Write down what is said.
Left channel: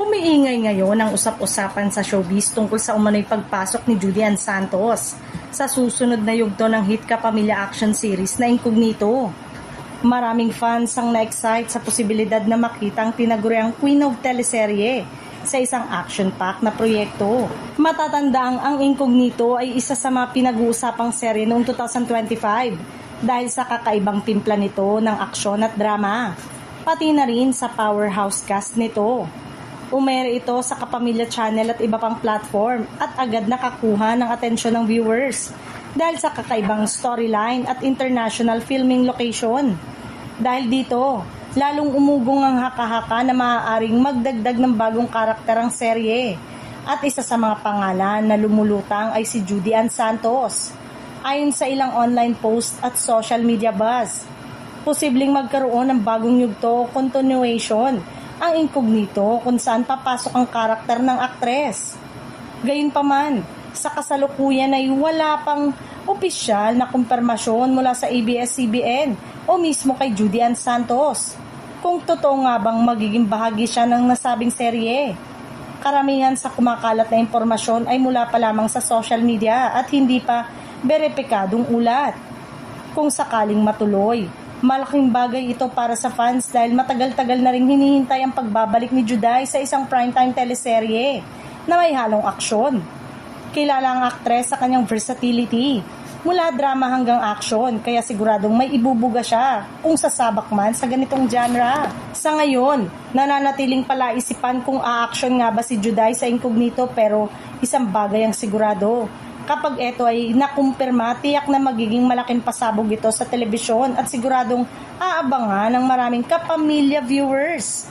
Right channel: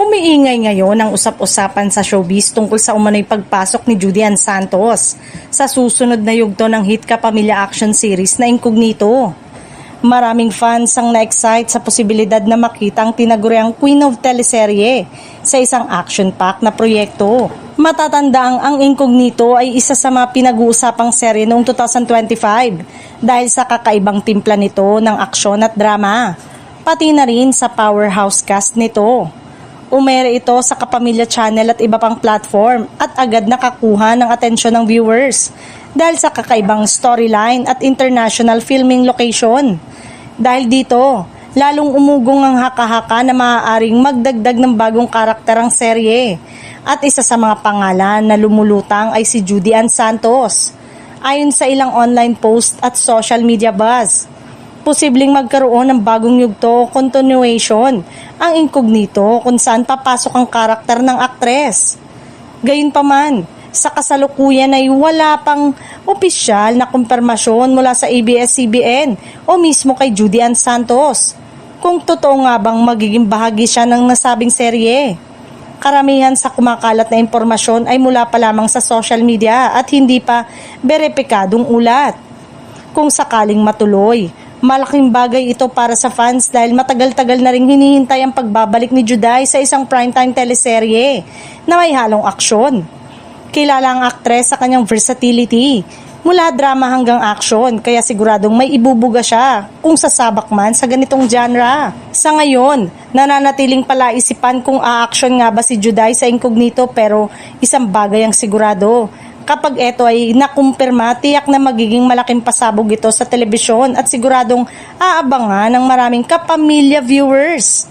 Umiingay ngayon ang usap-usapan sa showbiz tungkol sa umano'y pagpasok ni Judy Ann Santos sa susunod na yugto ng hit kapamilya action series na Incognito. Maraming fans ang na-excite sa posibilidad na makita ang tinaguriang Queen of Teleserye sa isang action-packed na proyekto. Matatandaang ang Incognito ay isa sa mga pinag-uusapang serye noong 2025 dahil sa kakaibang timpla nito ng aksyon at drama, pati na rin sa powerhouse cast nito. Umere ito sa Kapamilya Channel at iba pang platform at agad nakakuha ng atensyon ng viewers dahil sa kakaibang storyline at international filming location. Dahil dito, lalong umugong ang haka-haka na maaaring magdagdag ng bagong karakter ang serye at isa sa mga pangalan na lumulutang ay si Judy Ann Santos. Ayon sa ilang online post at social media buzz, posibleng magkaroon ng bagong yugto o continuation ang Incognito kung saan papasok ang karakter ng aktres. Gayunpaman, sa kasalukuyan ay wala pang opisyal na kumpirmasyon mula sa ABS-CBN o mismo kay Judy Ann Santos kung totoo nga bang magiging bahagi siya ng nasabing serye. Karamihan sa kumakalat na impormasyon ay mula pa lamang sa social media at hindi pa beripikadong ulat. Kung sakaling matuloy, malaking bagay ito para sa fans dahil matagal-tagal na ring hinihintay ang pagbabalik ni Juday sa isang primetime teleserye na may halong aksyon. Kilala ang aktres sa kanyang versatility, mula drama hanggang action, kaya siguradong may ibubuga siya kung sasabak man sa ganitong genre. Sa ngayon, nananatiling palaisipan kung a-action nga ba si Juday sa Incognito, pero isang bagay ang sigurado. Kapag ito ay nakumpirma, tiyak na magiging malaking pasabog ito sa telebisyon at siguradong aabangan ng maraming kapamilya viewers.